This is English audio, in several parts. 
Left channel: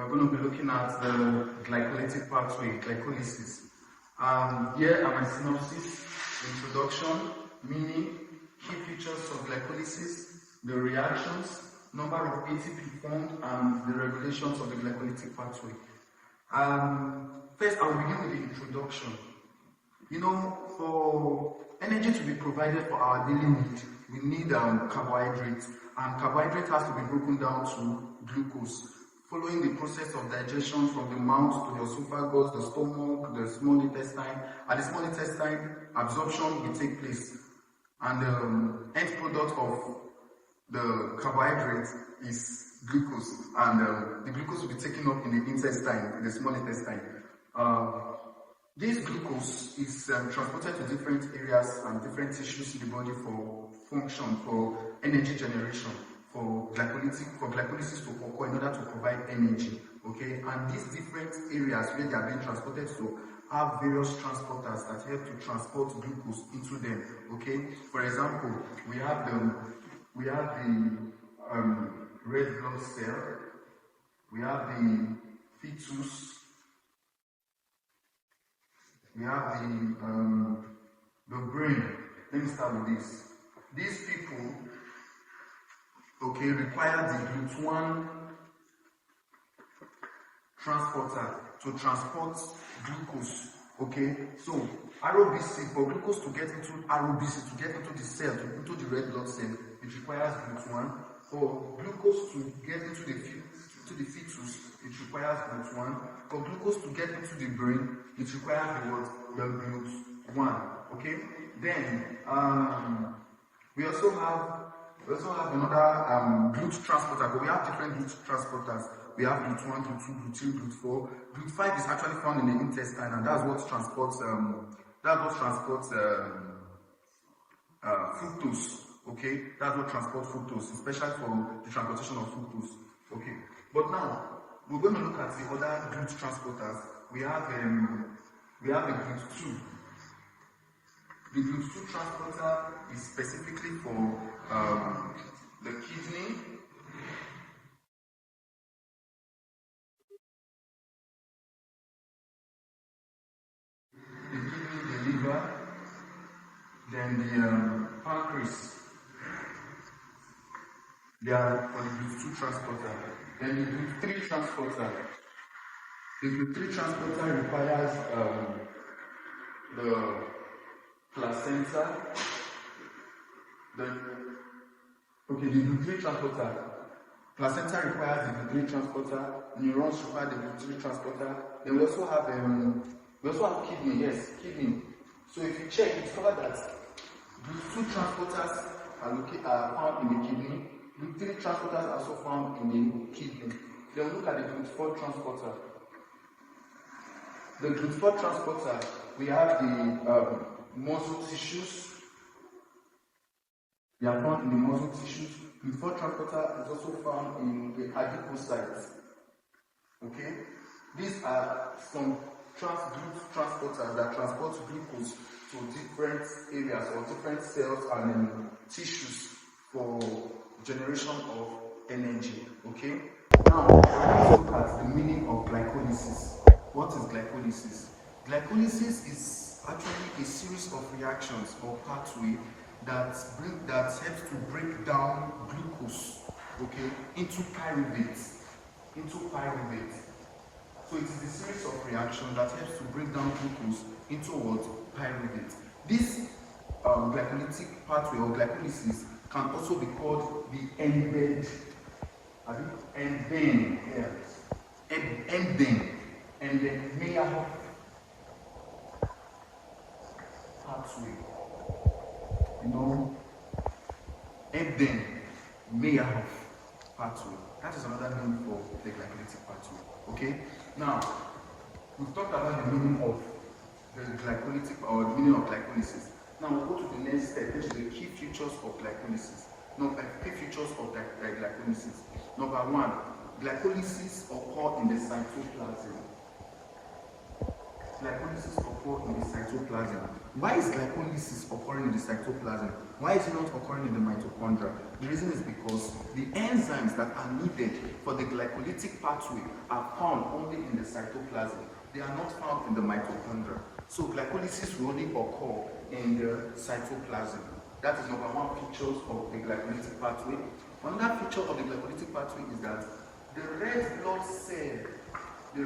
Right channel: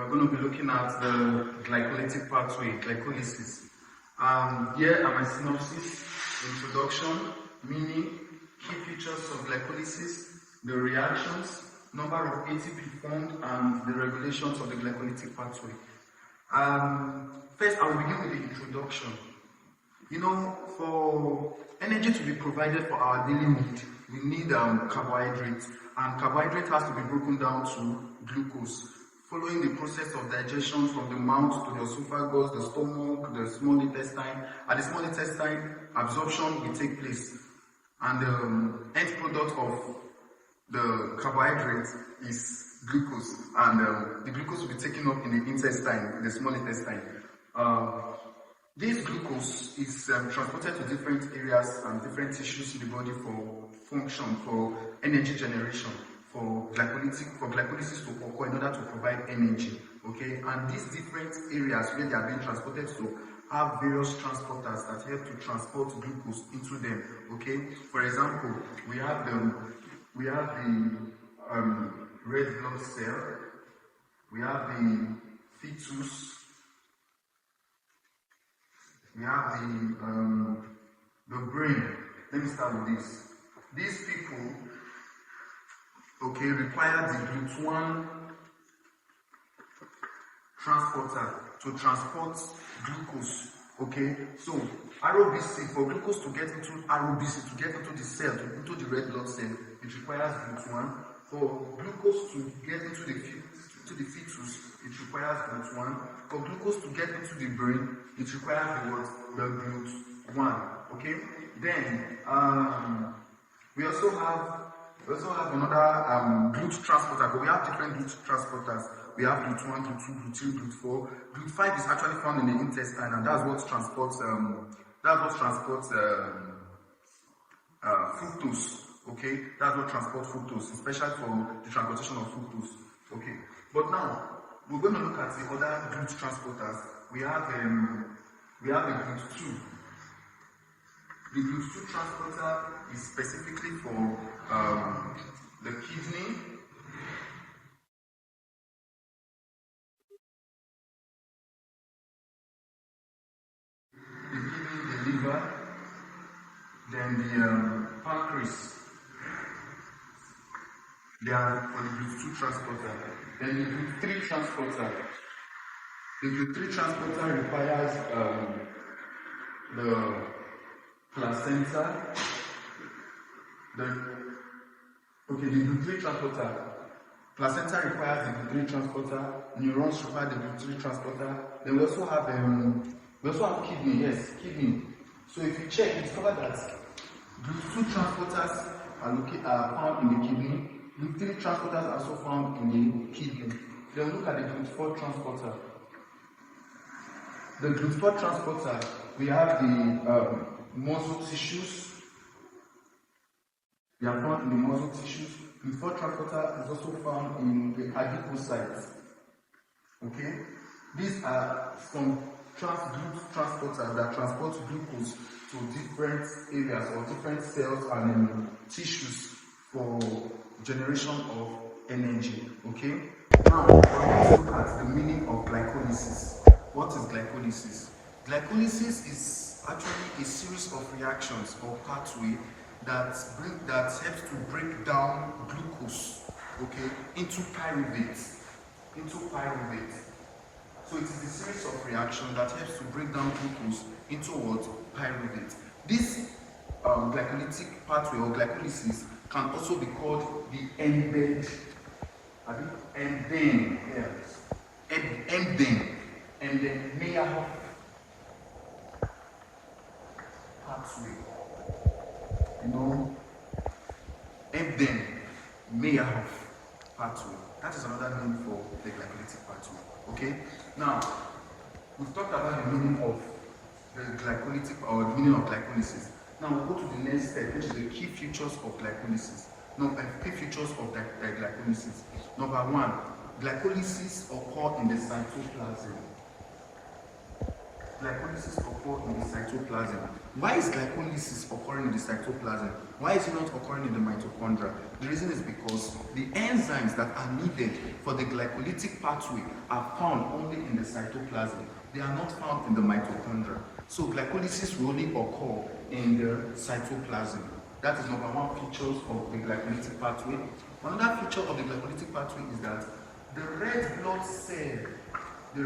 we're going to be looking at the glycolytic pathway, glycolysis. Here are my synopsis, introduction, meaning, key features of glycolysis, the reactions, number of ATP formed, and the regulations of the glycolytic pathway. First, I will begin with the introduction. You know, for energy to be provided for our daily need, we need carbohydrates, and carbohydrate has to be broken down to glucose. Following the process of digestion from the mouth to the esophagus, the stomach, the small intestine. At the small intestine, absorption will take place, and the end product of the carbohydrate is glucose, and the glucose will be taken up in the intestine, the small intestine. This glucose is transported to different areas and different tissues in the body for function, for energy generation, for glycolysis to occur in order to provide energy. Okay, and these different areas where they are being transported to have various transporters that help to transport glucose into them. Okay, for example, we have the red blood cell, we have the fetus, we have the brain. Let me start with this. These people, okay, require the GLUT1 transporter to transport glucose. Okay, so RBC, for glucose to get into RBC, to get into the cell, into the red blood cell, it requires GLUT1. For glucose to get into the fetus, it requires GLUT1. For glucose to get into the brain, it requires the GLUT1. Okay, then we also have another GLUT transporter, but we have different GLUT transporters. We have GLUT1, GLUT2, GLUT3, GLUT4. GLUT5 is actually found in the intestine, and that's what transports fructose. Okay, that's what transports fructose, especially for the transportation of fructose. Okay, but now we're going to look at the other GLUT transporters. We have the GLUT2. The GLUT2 transporter is specifically for the kidney, the liver, then the pancreas. They are for the GLUT2 transporter. Then the GLUT3 transporter. The GLUT3 transporter requires the placenta. The GLUT3 transporter. Placenta requires the GLUT3 transporter. Neurons require the GLUT3 transporter. Then we also have kidney. Yes, kidney. So if you check, you discover that GLUT2 transporters are found in the kidney. GLUT3 transporters are also found in the kidney. Then look at the GLUT4 transporter. The GLUT4 transporter, we have the muscle tissues. They are found in the muscle tissues. GLUT4 transporter is also found in the adipocytes. Okay? These are some GLUT transporters that transport glucose to different areas or different cells and tissues for generation of energy. Okay? Now, let's look at the meaning of glycolysis. What is glycolysis? Glycolysis is actually a series of reactions or pathway that helps to break down glucose, okay, into pyruvate. So it is a series of reactions that helps to break down glucose into what? Pyruvate. This glycolytic pathway or glycolysis can also be called the ending Meyer pathway. You know, ending Meyer pathway. That is another name for the glycolytic pathway. Okay. Now, we've talked about the meaning of the glycolytic or the meaning of glycolysis. Now we'll go to the next step, which is the key features of glycolysis. Key features of glycolysis. Number one, glycolysis occurs in the cytoplasm. Glycolysis occurs occur in the cytoplasm. Why is glycolysis occurring in the cytoplasm? Why is it not occurring in the mitochondria? The reason is because the enzymes that are needed for the glycolytic pathway are found only in the cytoplasm. They are not found in the mitochondria. So glycolysis will only occur in the cytoplasm. That is number one feature of the glycolytic pathway. Another feature of the glycolytic pathway is that the red blood cell, the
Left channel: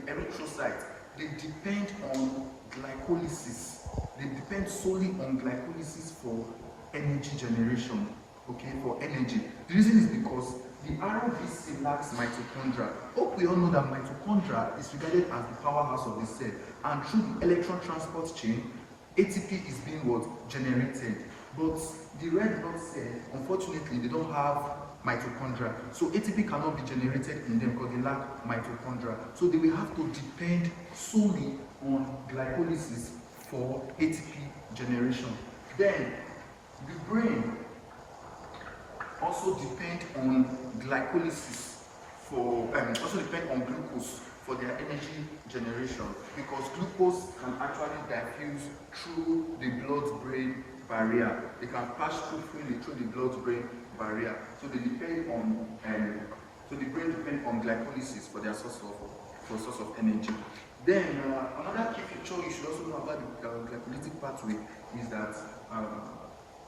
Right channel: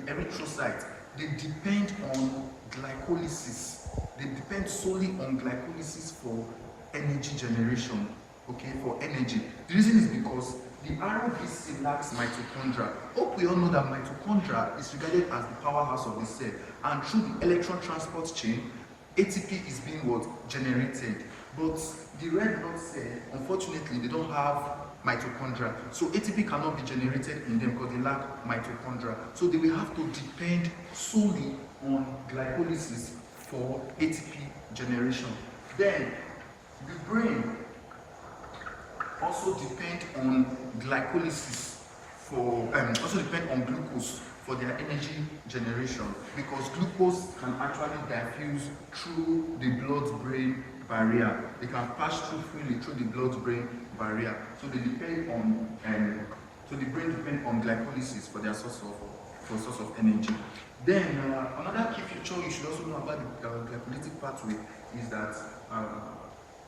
erythrocyte, they depend on glycolysis. They depend solely on glycolysis for energy generation, okay, for energy. The reason is because the RBC lacks mitochondria. Hope we all know that mitochondria is regarded as the powerhouse of the cell, and through the electron transport chain, ATP is being generated. But the red blood cell, unfortunately, they don't have mitochondria. So ATP cannot be generated in them because they lack mitochondria. So they will have to depend solely on glycolysis for ATP generation. Then the brain also depend on glycolysis for glucose for their energy generation, because glucose can actually diffuse through the blood-brain barrier. They can pass through freely through the blood-brain barrier. So they depend on so the brain depends on glycolysis for their source of energy. Then another key feature you should also know about the glycolytic pathway is that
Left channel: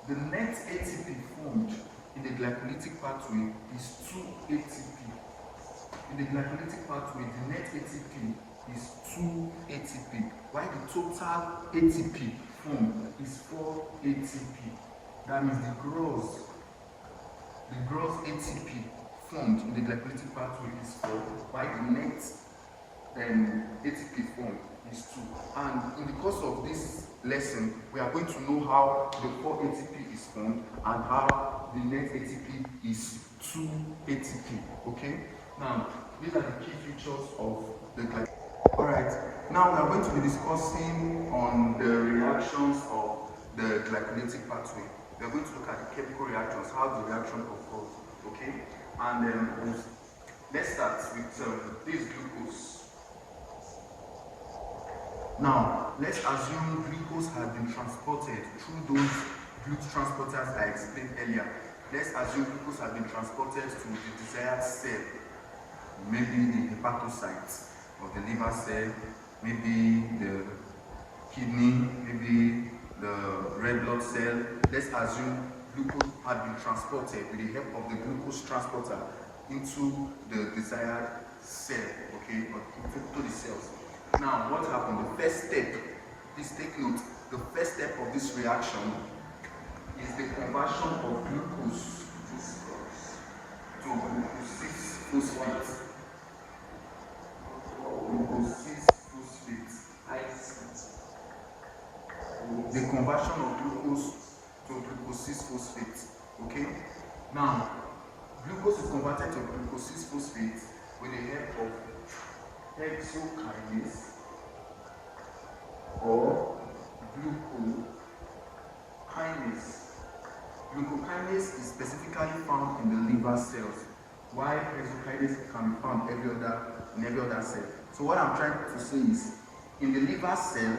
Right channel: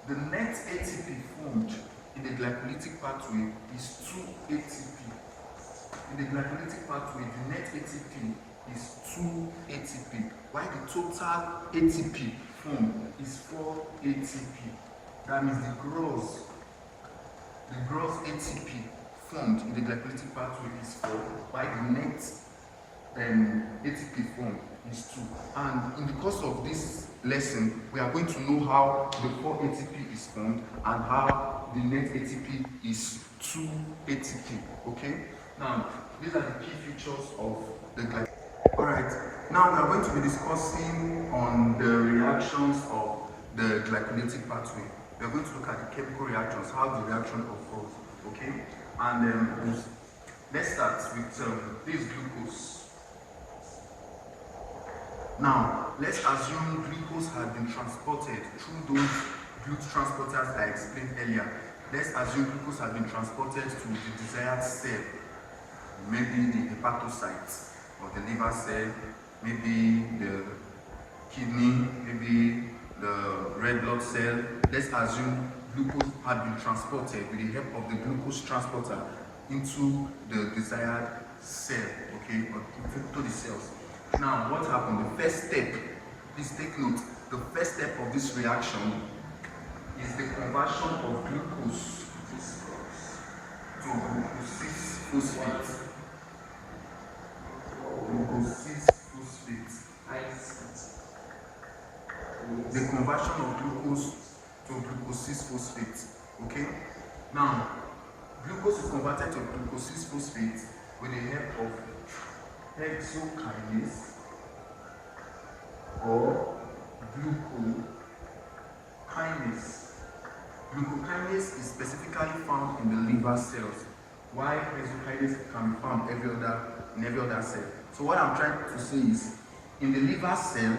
the net ATP formed in the glycolytic pathway is 2 ATP. In the glycolytic pathway, the net ATP is 2 ATP, while the total ATP formed is 4 ATP. That means the gross ATP formed in the glycolytic pathway is 4, while the net ATP formed is 2. And in the course of this lesson, we are going to know how the 4 ATP is formed and how the net ATP is 2 ATP. Okay? Now, these are the key features of the glycolytic. Alright, now we are going to be discussing on the reactions of the glycolytic pathway. We are going to look at the chemical reactions, how the reaction occurs. Okay? And let's start with this glucose. Now, let's assume glucose has been transported through those glucose transporters I explained earlier. Let's assume glucose has been transported to the desired cell, maybe the hepatocyte or the liver cell, maybe the kidney, maybe the red blood cell. Let's assume glucose had been transported with the help of the glucose transporter into the desired cell, okay, or to the cells. Now, what happened? The first step, please take note, the first step of this reaction is the conversion of glucose to glucose 6-phosphate. The conversion of glucose to glucose 6-phosphate. Okay? Now, glucose is converted to glucose 6-phosphate with the help of Hexokinase or Glycokinase. Glycokinase is specifically found in the liver cells, while Hexokinase can be found in every other cell. So what I'm trying to say is, in the liver cell,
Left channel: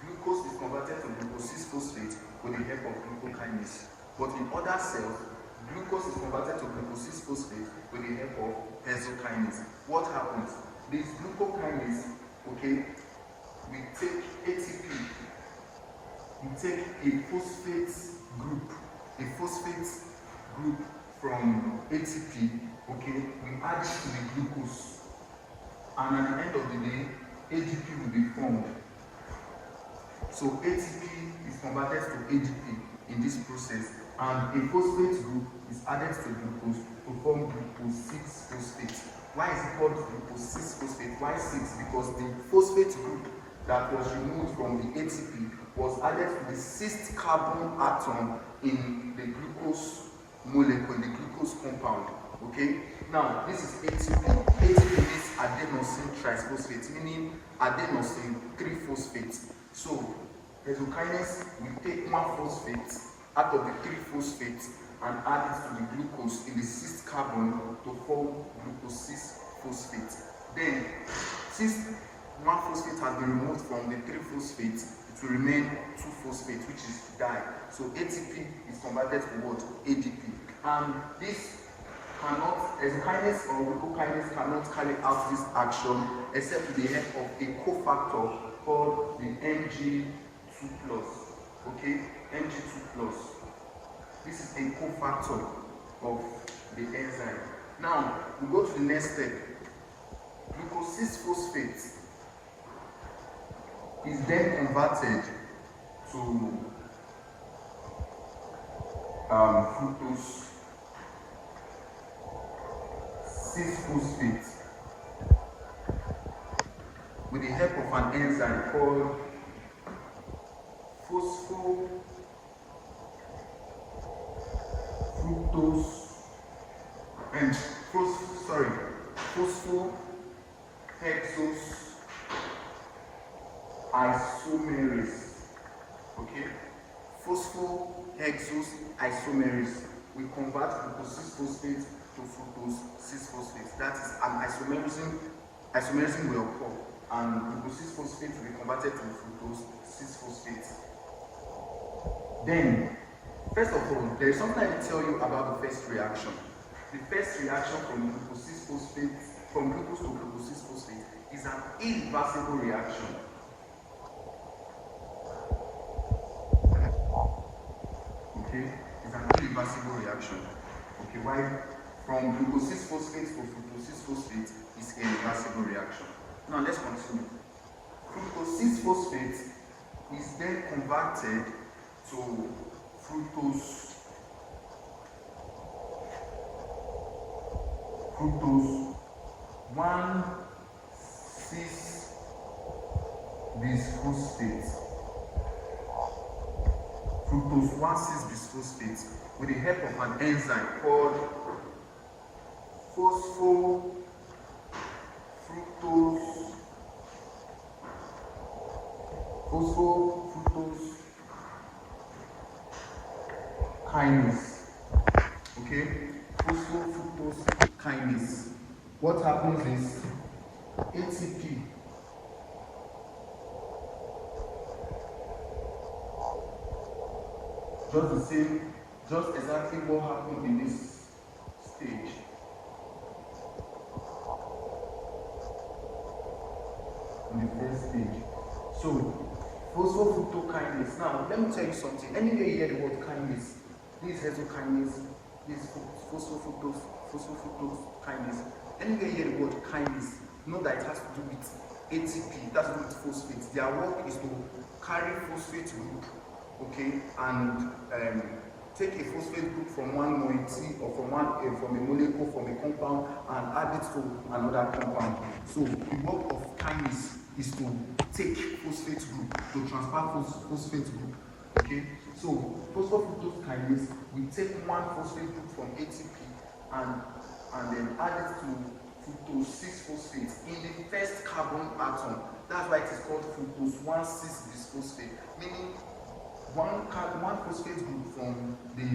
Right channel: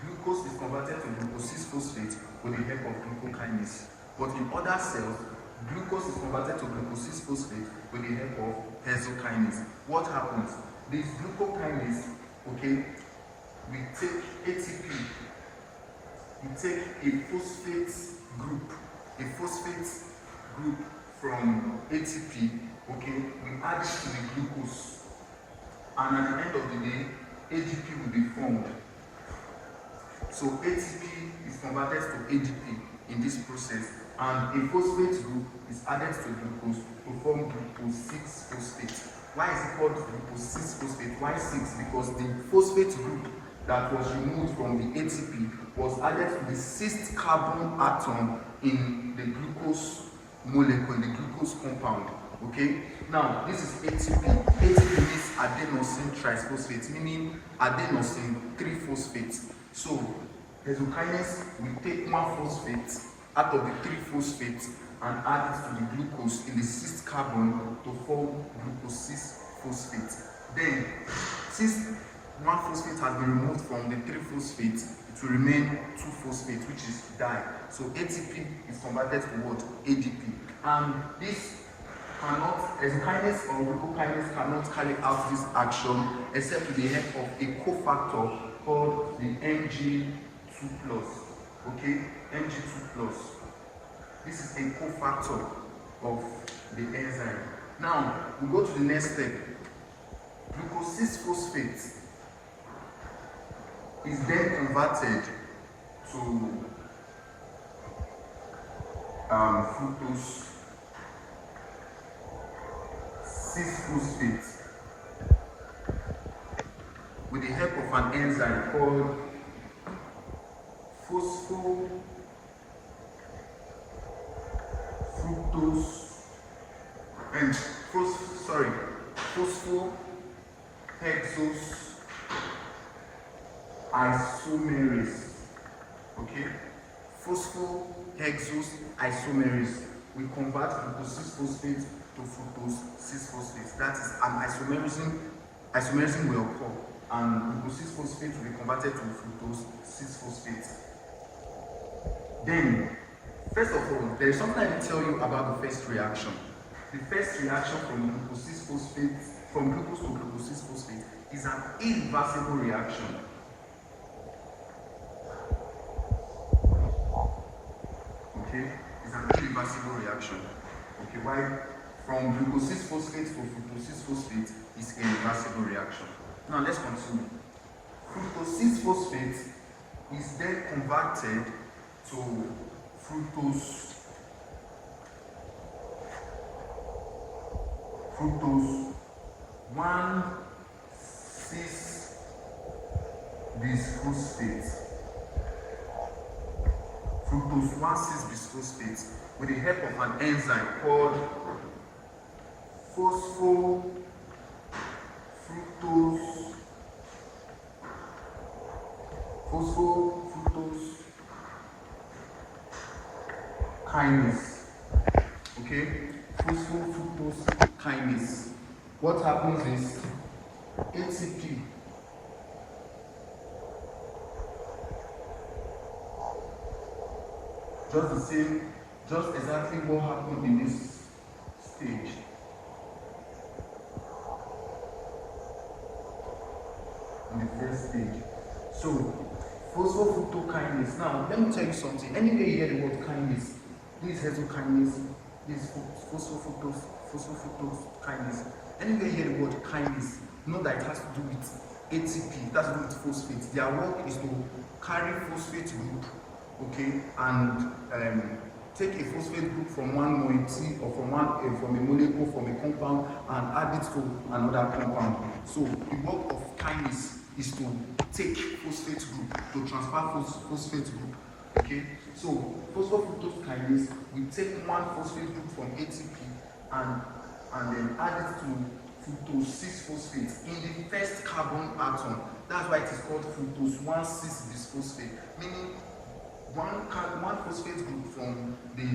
glucose is converted to glucose 6-phosphate with the help of glucokinase. But in other cells, glucose is converted to glucose 6-phosphate with the help of hexokinase. What happens? This glucokinase, okay, we take ATP, we take a phosphate group from ATP, okay, we add it to the glucose, and at the end of the day, ATP will be formed. So ATP is converted to ADP in this process, and a phosphate group is added to glucose to form glucose 6-phosphate. Why is it called glucose 6-phosphate? Why 6? Because the phosphate group that was removed from the ATP was added to the 6th carbon atom in the glucose molecule, the glucose compound. Okay? Now, this is ATP. ATP means adenosine triphosphate, meaning adenosine 3-phosphate. So, hexokinase will take 1 phosphate out of the 3 phosphates and add it to the glucose in the 6th carbon to form glucose 6-phosphate. Then, since one phosphate has been removed from the 3 phosphates, it will remain 2 phosphates, which is di. So ATP is converted to what? ADP. And this cannot, enzymes or glycokinase cannot carry out this action except with the help of a cofactor called the Mg2+. Okay, Mg2+. This is a cofactor of the enzyme. Now we go to the next step. Glucose-6-phosphate is then converted to fructose 6-phosphate with the help of an enzyme called Phosphohexoisomerase. Okay, phosphohexoisomerase. We convert glucose 6-phosphate to fructose 6-phosphate. That is an isomerism will occur, and glucose 6-phosphate will be converted to fructose 6-phosphate. Then, first of all, there is something I will tell you about the first reaction. The first reaction from glucose 6-phosphate, from glucose to glucose 6-phosphate, is an irreversible reaction. Okay, it's an irreversible reaction. Okay, why? From glucose 6-phosphate to fructose 6-phosphate is a reversible reaction. Now let's continue. Fructose 6-phosphate is then converted to fructose 1,6-bisphosphate. Fructose 1,6-bisphosphate with the help of an enzyme called phosphofructokinase. Okay, phosphofructokinase. What happens is ATP just exactly what happened in this stage. Stage. So, phosphofructokinase. Now, let me tell you something. Anywhere you hear the word kinase, this hexokinase, this phosphofructokinase. Anywhere you hear the word kinase, know that it has to do with ATP, it has to do with phosphates. Their work is to carry phosphate group, okay, and take a phosphate group from one moiety or from a molecule, from a compound, and add it to another compound. So, the work of kinase is to take phosphate group, to transfer phosphate group. Okay, so phosphofructokinase will take one phosphate group from ATP and then add it to fructose 6-phosphate in the first carbon atom. That's why it is called fructose 1,6-bisphosphate, meaning one phosphate group from the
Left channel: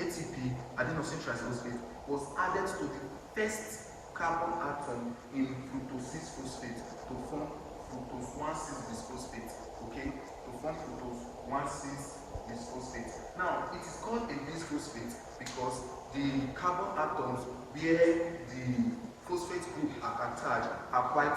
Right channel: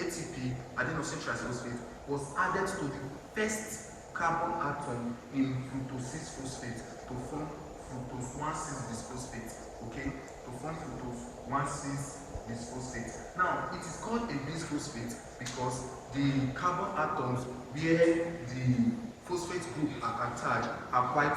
ATP, adenosine triphosphate, was added to the first carbon atom in fructose 6-phosphate to form fructose 1,6-bisphosphate. Okay, to form fructose 1,6-bisphosphate. Now, it is called a bisphosphate because the carbon atoms where the phosphate group are attached are quite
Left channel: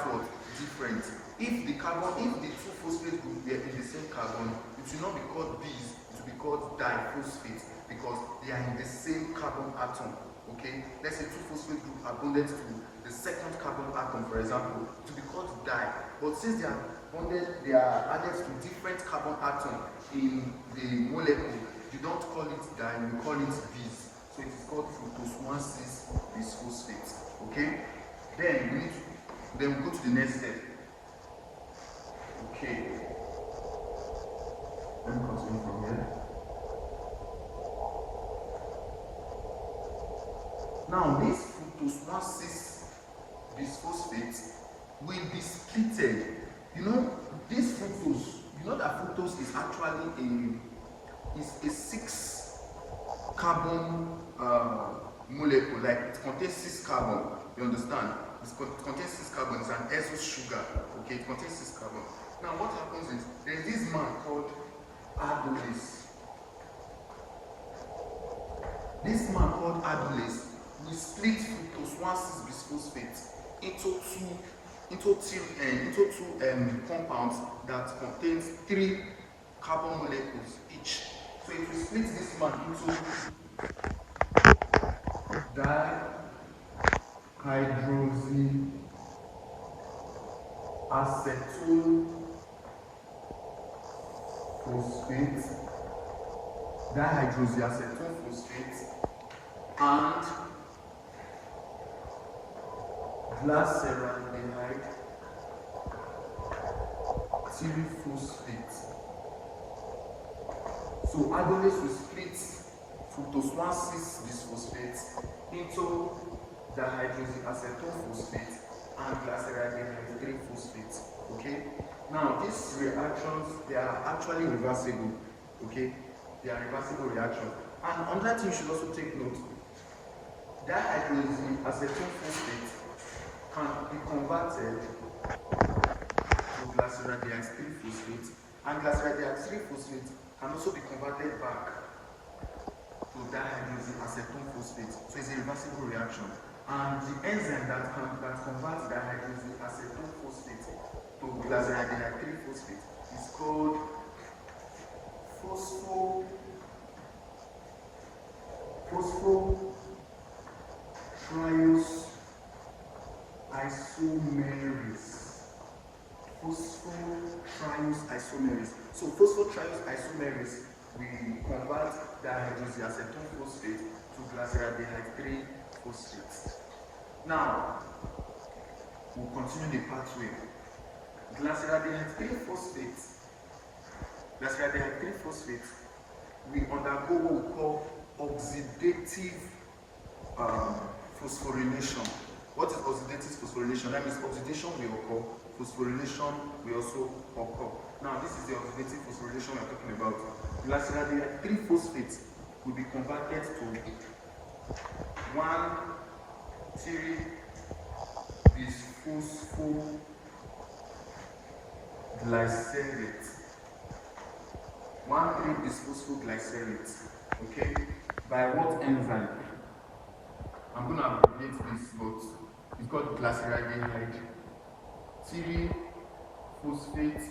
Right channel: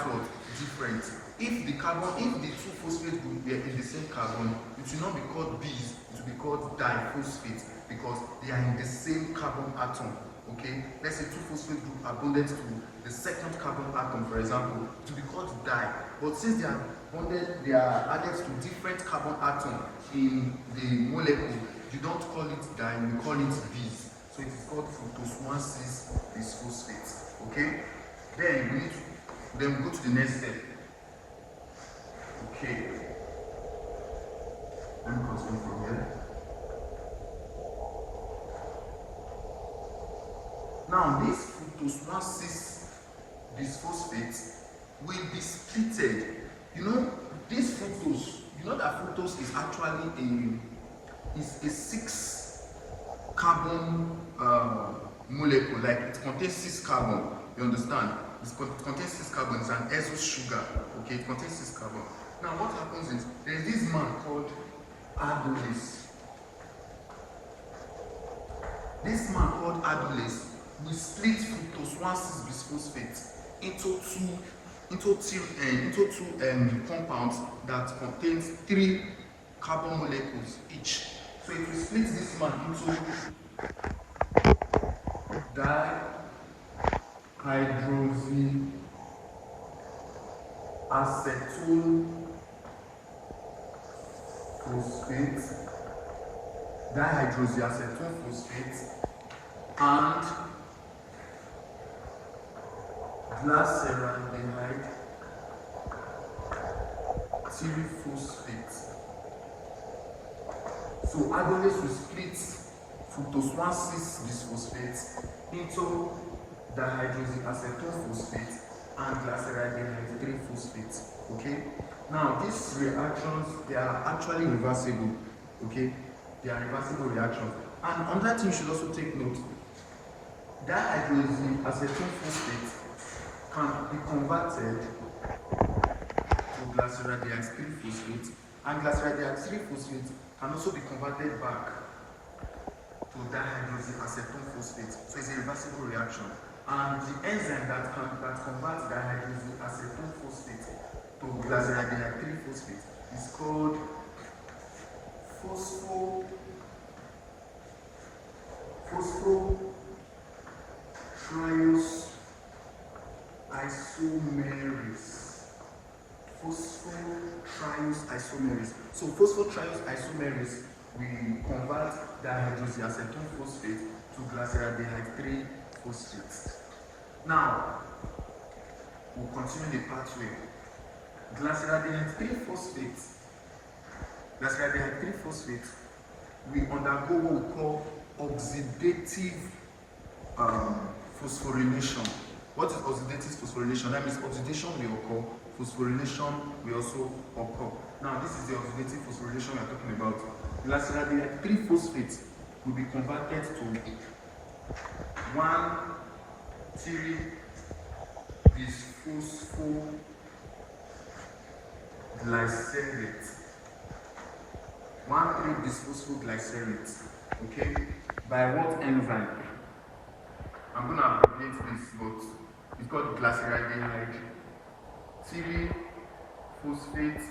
different. If the two phosphate groups were in the same carbon, it will not be called bis, it will be called diphosphate because they are in the same carbon atom. Okay, let's say two phosphate groups are bonded to the second carbon atom, for example, it will be called di. But since they are bonded, they are added to different carbon atoms in the molecule, you don't call it di, you call it bis. So it is called fructose 1,6-bisphosphate. Okay, then we go to the next step. Okay, let me continue from here. Now, this fructose 1,6-bisphosphate will be splitted. You know, this fructose, you know that fructose is actually a 6-carbon molecule, like it contains 6 carbon. You understand? It contains 6 carbon. It's an azo sugar. Okay, it contains 6 carbon. Now, what happens is there's this man called Adolis. This man called Adolis will split fructose 1,6-bisphosphate into two compounds that contains 3 carbon molecules each. So if we split this man into dihydroxyacetone phosphate, and glyceraldehyde triphosphate. So Adolis will split fructose 1,6-bisphosphate into dihydroxyacetone phosphate and glyceraldehyde triphosphate. Okay. Now these reactions, they are actually reversible. Okay, they are reversible reactions. And on that thing, you should also take note. Dihydroxyacetone phosphate can be converted to glyceraldehyde triphosphate, and glyceraldehyde triphosphate can also be converted back to dihydroxyacetone phosphate. So it's a reversible reaction. And the enzyme that converts dihydroxyacetone phosphate to glyceraldehyde triphosphate is called phosphofructokinase. So phosphofructokinase will convert dihydroxyacetone phosphate to glyceraldehyde triphosphate. Now, we'll continue the pathway. Glyceraldehyde triphosphate will undergo what we call oxidative phosphorylation. What is oxidative phosphorylation? That means oxidation will occur, phosphorylation will also occur. Now, this is the oxidative phosphorylation we are talking about. Glyceraldehyde triphosphate will be converted to 1,3-bisphosphoglycerate. 1,3-bisphosphoglycerate. Okay? By what enzyme? I'm going to abbreviate this, but it's called glyceraldehyde 3-phosphate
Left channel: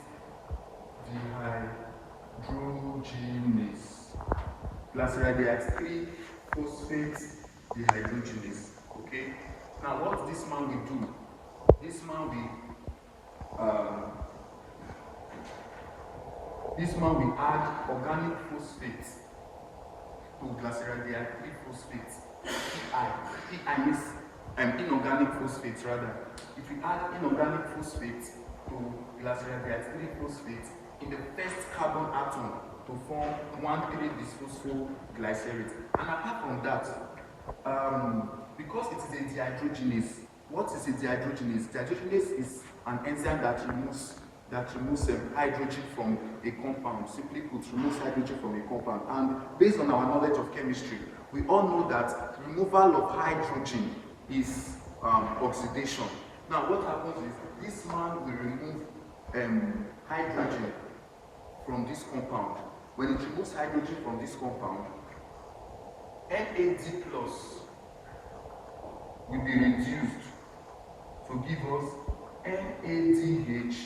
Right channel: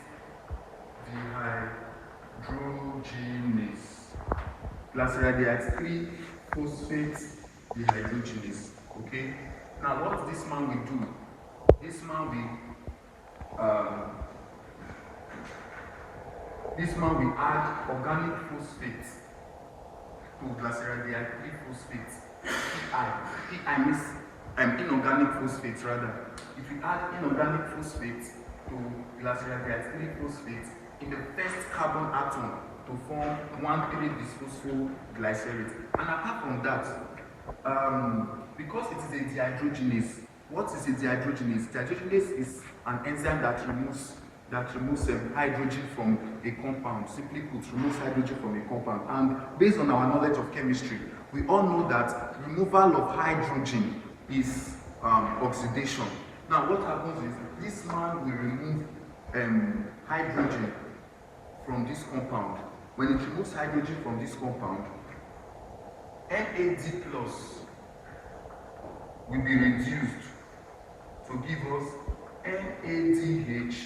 dehydrogenase. Glyceraldehyde 3-phosphate dehydrogenase. Okay? Now, what this man will do? This man will add organic phosphate to glyceraldehyde 3-phosphate. I miss inorganic phosphate rather. If we add inorganic phosphate to glyceraldehyde 3-phosphate in the first carbon atom to form 1,3-bisphosphoglycerate. And apart from that, because it is a dehydrogenase, what is a dehydrogenase? Dehydrogenase is an enzyme that removes hydrogen from a compound. Simply put, removes hydrogen from a compound. And based on our knowledge of chemistry, we all know that removal of hydrogen is oxidation. Now, what happens is this man will remove hydrogen from this compound. When it removes hydrogen from this compound, NAD plus will be reduced to give us NADH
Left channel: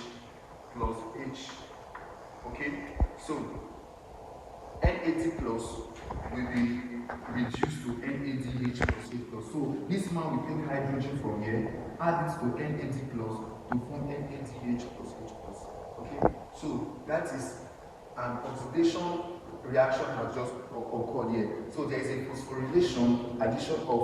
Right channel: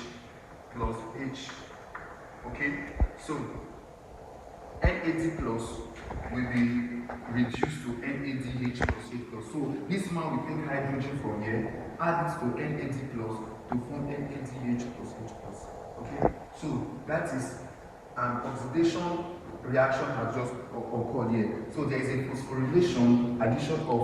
plus H. Okay, so NAD plus will be reduced to NADH plus H plus. So this man will take hydrogen from here, add it to NAD plus to form NADH plus H plus. Okay, so that is an oxidation reaction has just occurred here. So there is a phosphorylation, addition of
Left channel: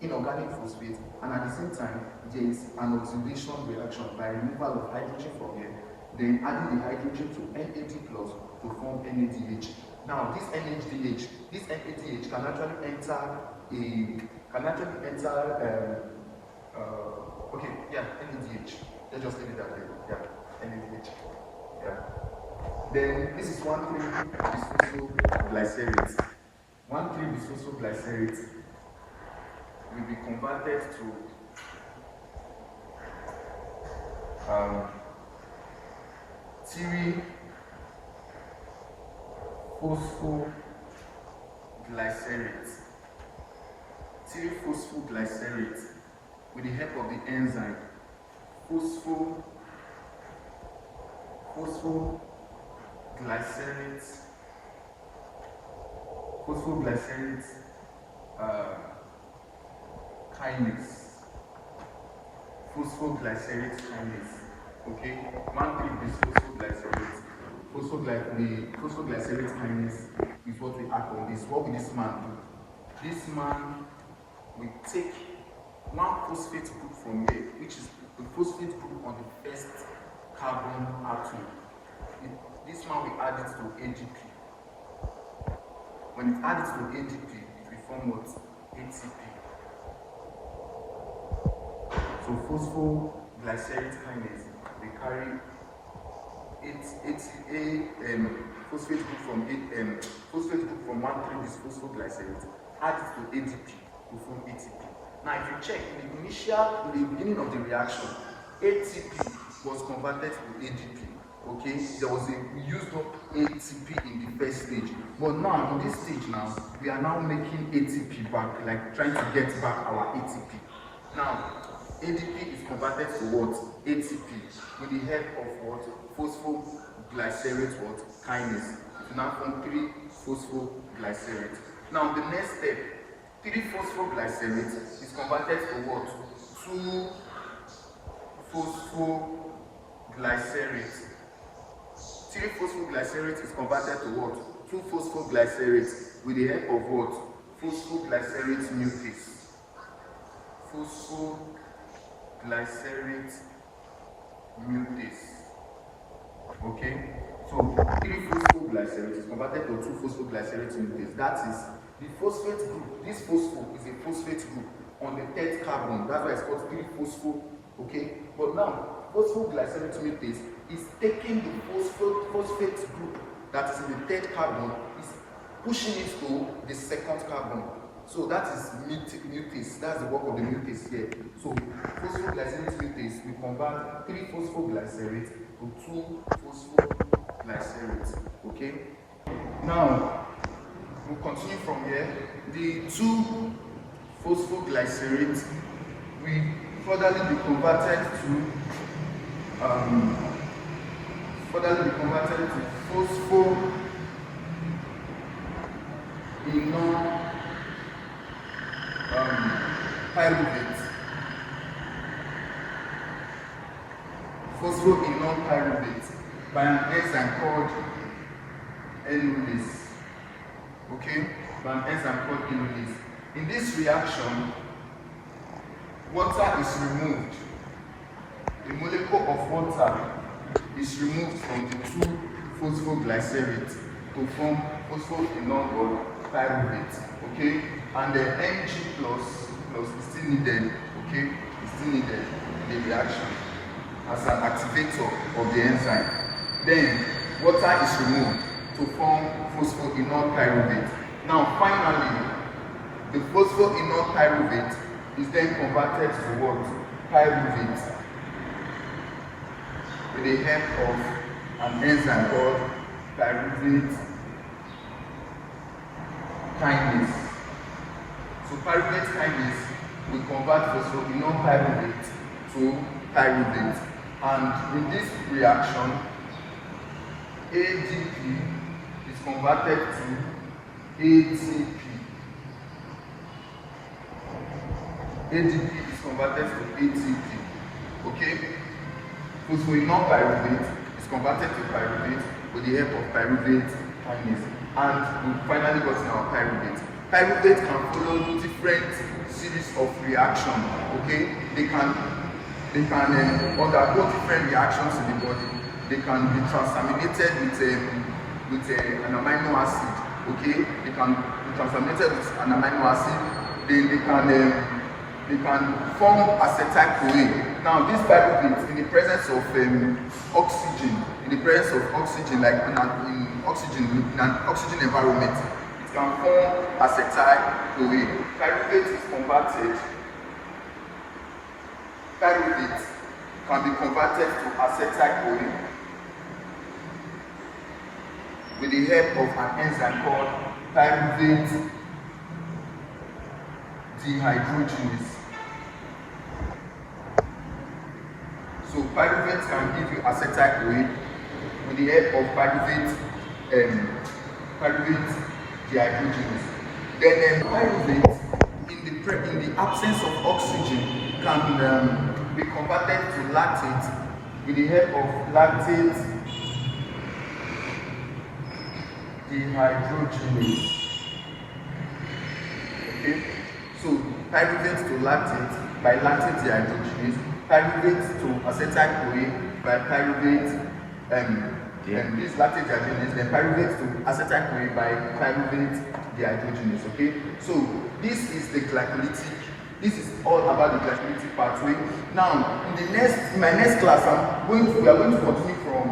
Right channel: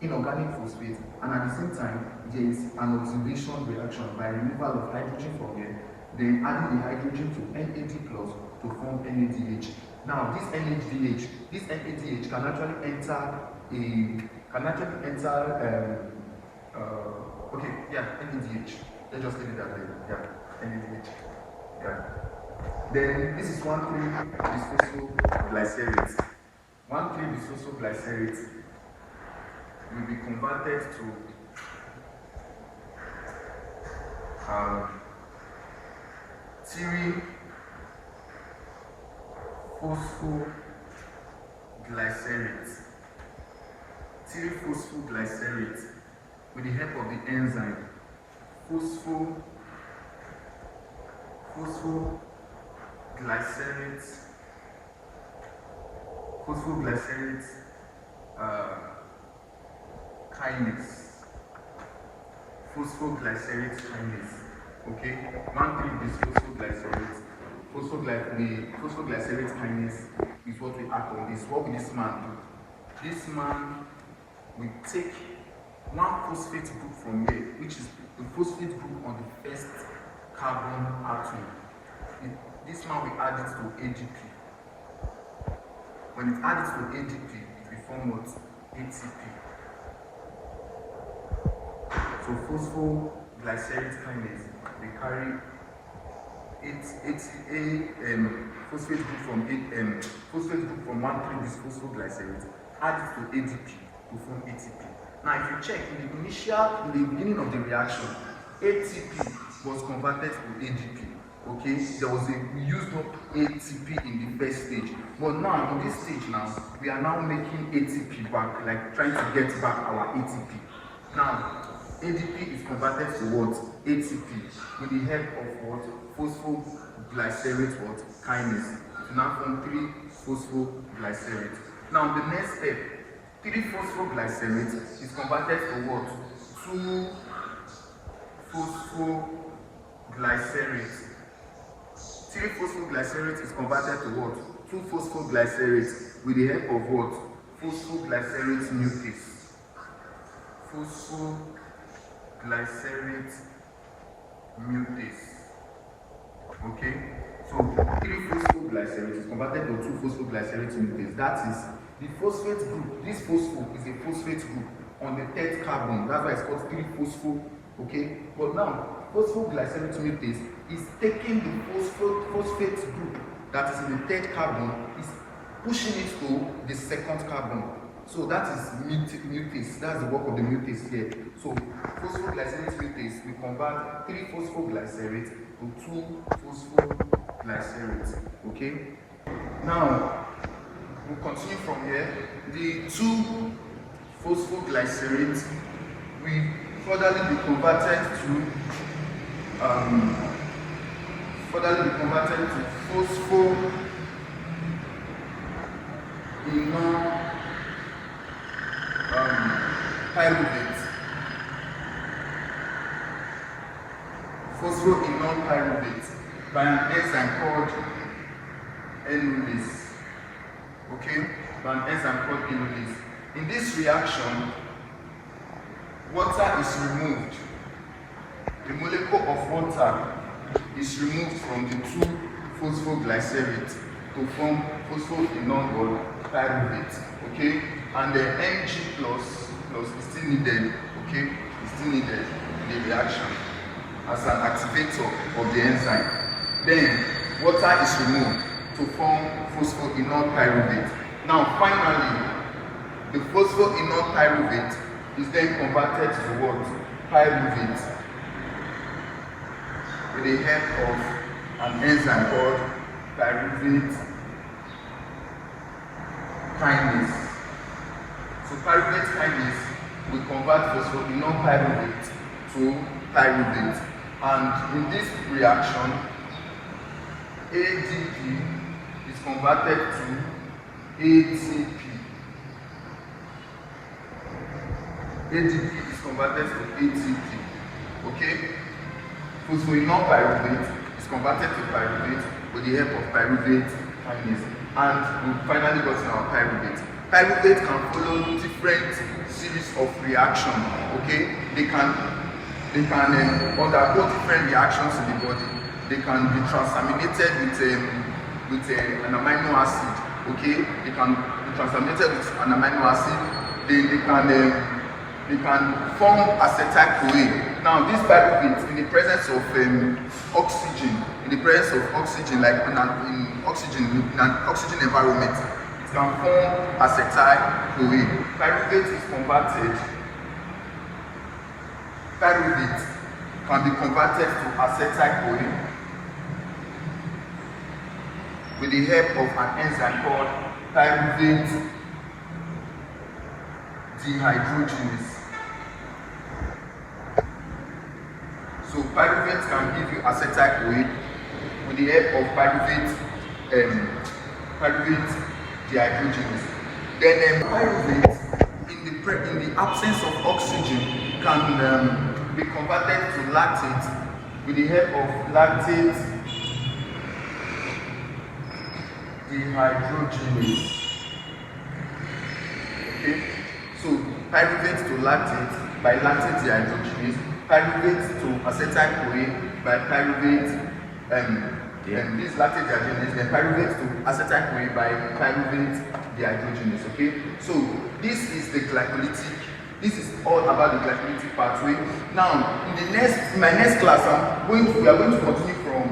inorganic phosphate, and at the same time there is an oxidation reaction by removal of hydrogen from here, then adding the hydrogen to NAD plus to form NADH. Now this NADH can actually enter NADH. Let's just leave it that way. Yeah, NADH. Yeah. Then this is 1,3-bisphosphoglycerate. 1,3-bisphosphoglycerate will be converted to Phosphoglycerate with the help of the enzyme phosphoglycerate kinase. Phosphoglycerate kinase. Okay, 1,3 is phosphoglycerate. The phosphoglycerate kinase is what we act on this. What will this man do? This man will take one phosphate group from here, which is the phosphate group on the first carbon atom. This man will add it to ADP. When it adds to ADP, it will form what? ATP. So phosphoglycerate kinase, they carry phosphate group from 1,3 phosphoglycerate, add it to ADP to form ATP. Now, if you check in the beginning of the reaction, ATP was converted to ADP. Okay, we used up ATP in the first stage, but now in this stage we are now making ATP back, like trying to get back our ATP. Now, ADP is converted to what? ATP with the help of what? Phosphoglycerate kinase. It now form 3 phosphoglycerate. Now, the next step, 3 phosphoglycerate is converted to what? 2 phosphoglycerate. 3 phosphoglycerate is converted to what? 2 phosphoglycerate with the help of what? Phosphoglycerate mutase. Phosphoglycerate mutase. Okay? So 3 phosphoglycerate is converted to 2 phosphoglycerate mutase. That is the phosphate group. This phospho is a phosphate group on the 3rd carbon. That's why it's called 3 phospho. Okay? But now, phosphoglycerate mutase is taking the phosphate group that is in the 3rd carbon, is pushing it to the 2nd carbon. So that is mutase. That's the work of the mutase here. So phosphoglycerate mutase, we convert 3 phosphoglycerate to 2 phosphoglycerate. Okay? Now, we'll continue from here. The 2 phosphoglycerate will furtherly be converted to pyruvate. Pyruvate by an enzyme called enolase. Okay? By an enzyme called enolase. In this reaction, water is removed. The molecule of water is removed from the 2 phosphoglycerate to form phosphophenol pyruvate. Okay? And the Mg plus is still needed. Okay? It's still needed in the reaction as an activator of the enzyme. Then water is removed to form phosphophenol pyruvate. Now finally, the phosphophenol pyruvate is then converted to what? Pyruvate with the help of an enzyme called pyruvate kinase. So pyruvate kinase will convert phosphophenol pyruvate to pyruvate, and in this reaction, ADP is converted to ATP. ADP is converted to ATP. Okay? Phosphophenol pyruvate is converted to pyruvate with the help of pyruvate kinase. And we finally got our pyruvate. Pyruvate can follow different series of reactions. Okay? They can undergo different reactions in the body. They can be transaminated with an amino acid. Okay? They can be transaminated with an amino acid. They can form acetyl-CoA. Now, this pyruvate, in the presence of oxygen, like in an oxygen environment, it can form acetyl-CoA. Pyruvate can be converted to acetyl-CoA with the help of an enzyme called pyruvate dehydrogenase. So pyruvate can give you acetyl-CoA with the help of pyruvate dehydrogenase. Then pyruvate, in the absence of oxygen, can be converted to lactate with the help of lactate dehydrogenase. Okay, so pyruvate to lactate by lactate dehydrogenase, pyruvate to acetyl-CoA by pyruvate this lactate dehydrogenase, then pyruvate to acetyl-CoA by pyruvate dehydrogenase. Okay, so this is the glycolytic. This is all about the glycolytic pathway. Now, in my next class, we are going to continue from.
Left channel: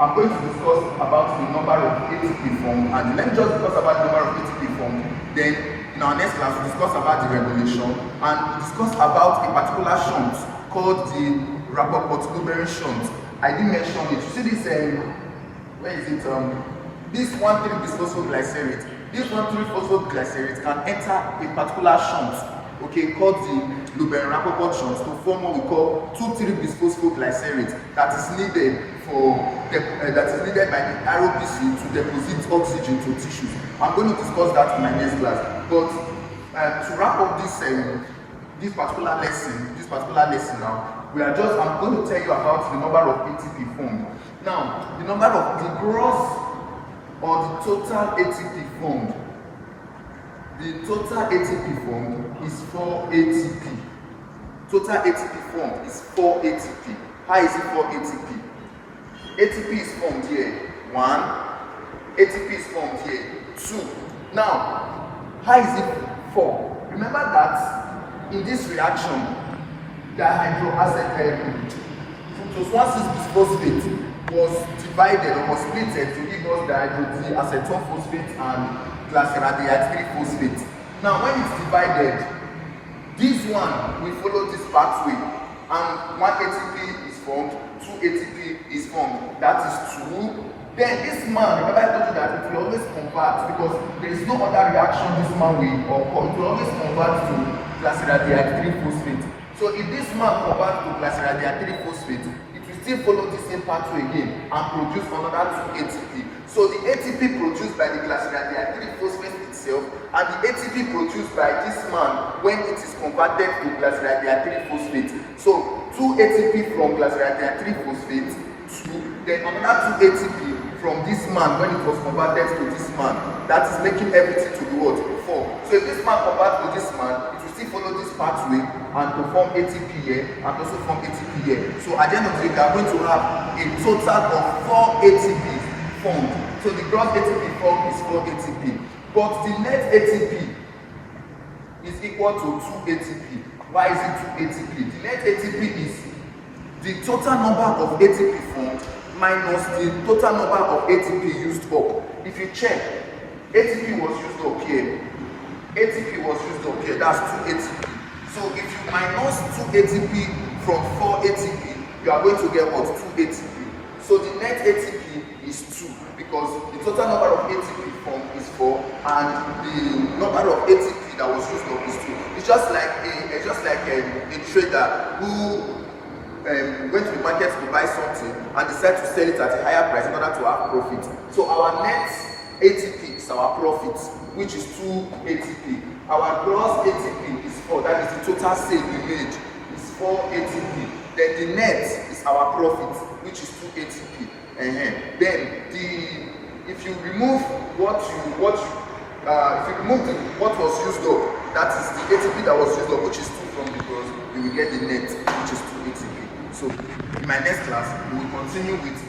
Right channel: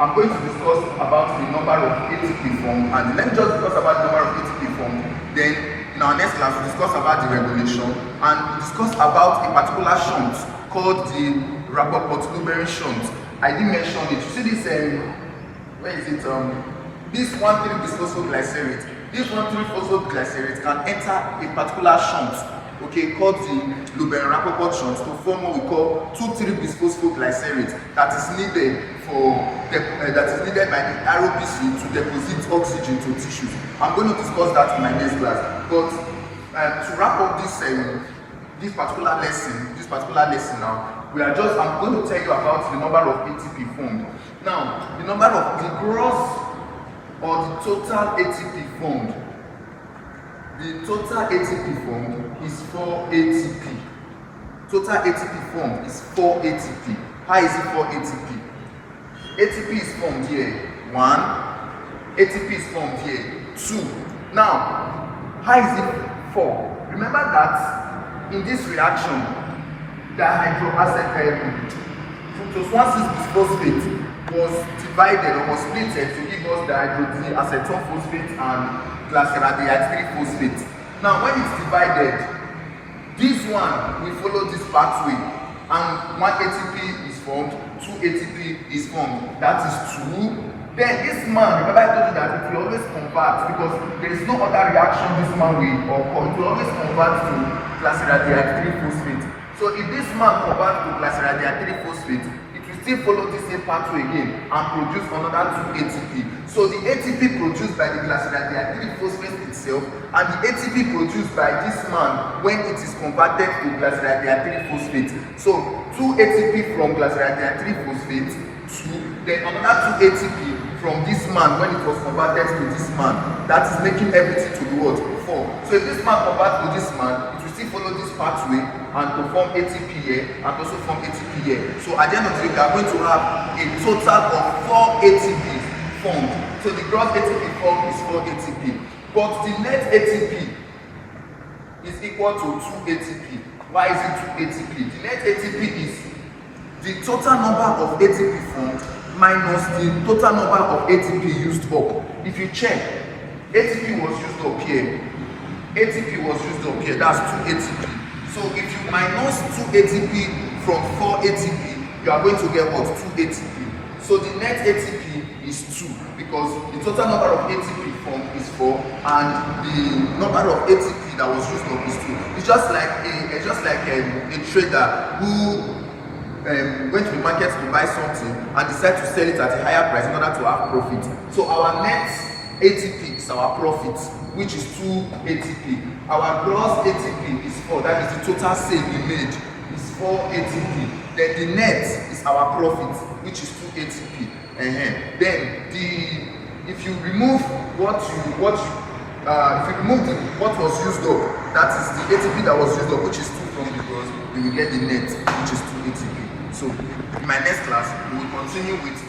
I'm going to discuss about the number of ATP formed, and let me just discuss about the number of ATP formed. Then, in our next class, we'll discuss about the regulation, and we'll discuss about a particular shunt called the Rappaport-Luberin shunt. I didn't mention it. You see this? Where is it? This 1,3-bisphosphoglycerate. This 1,3-phosphoglycerate can enter a particular shunt, okay, called the Luberin-Rappaport shunt, to form what we call 2,3-bisphosphoglycerate that is needed by the ROPC to deposit oxygen to tissues. I'm going to discuss that in my next class. But to wrap up this particular lesson now, I'm going to tell you about the number of ATP formed. Now, the number of the gross or the total ATP formed. The total ATP formed is 4 ATP. Total ATP formed is 4 ATP. How is it 4 ATP? ATP is formed here, 1. ATP is formed here, 2. Now, how is it 4? Remember that in this reaction, the fructose-1,6-bisphosphate was divided or was split to give us the acetone phosphate and glyceraldehyde 3-phosphate. Now, when it's divided, this one will follow this pathway, and 1 ATP is formed, 2 ATP is formed. That is 2. Then this man, remember I told you that it will always convert, because there is no other reaction this man will occur. It will always convert to glyceraldehyde 3-phosphate. So if this man converts to glyceraldehyde 3-phosphate, it will still follow the same pathway again and produce another 2 ATP. So the ATP produced by the glyceraldehyde 3-phosphate itself and the ATP produced by this man when it is converted to glyceraldehyde 3-phosphate. So 2 ATP from glyceraldehyde 3-phosphate, 2, then another 2 ATP from this man when it was converted to this man. That is making everything to be what? 4. So if this man converts to this man, it will still follow this pathway and to form ATP here and also form ATP here. So at the end of the day, we are going to have a total of 4 ATP formed. So the gross ATP formed is 4 ATP. But the net ATP is equal to 2 ATP. Why is it 2 ATP? The net ATP is the total number of ATP formed minus the total number of ATP used up. If you check, ATP was used up here. ATP was used up here. That's 2 ATP. So if you minus 2 ATP from 4 ATP, you are going to get what? 2 ATP. So the net ATP is 2 because the total number of ATP formed is 4 and the number of ATP that was used up is 2. It's just like a trader who went to the market to buy something and decided to sell it at a higher price in order to have profit. So our net ATP is our profit, which is 2 ATP. Our gross ATP is 4, that is the total sale we made, is 4 ATP. Then the net is our profit, which is 2 ATP. Then if you remove what was used up, that is the ATP that was used up, which is 2 from the gross, you will get the net, which is 2 ATP. So in my next class, we will continue with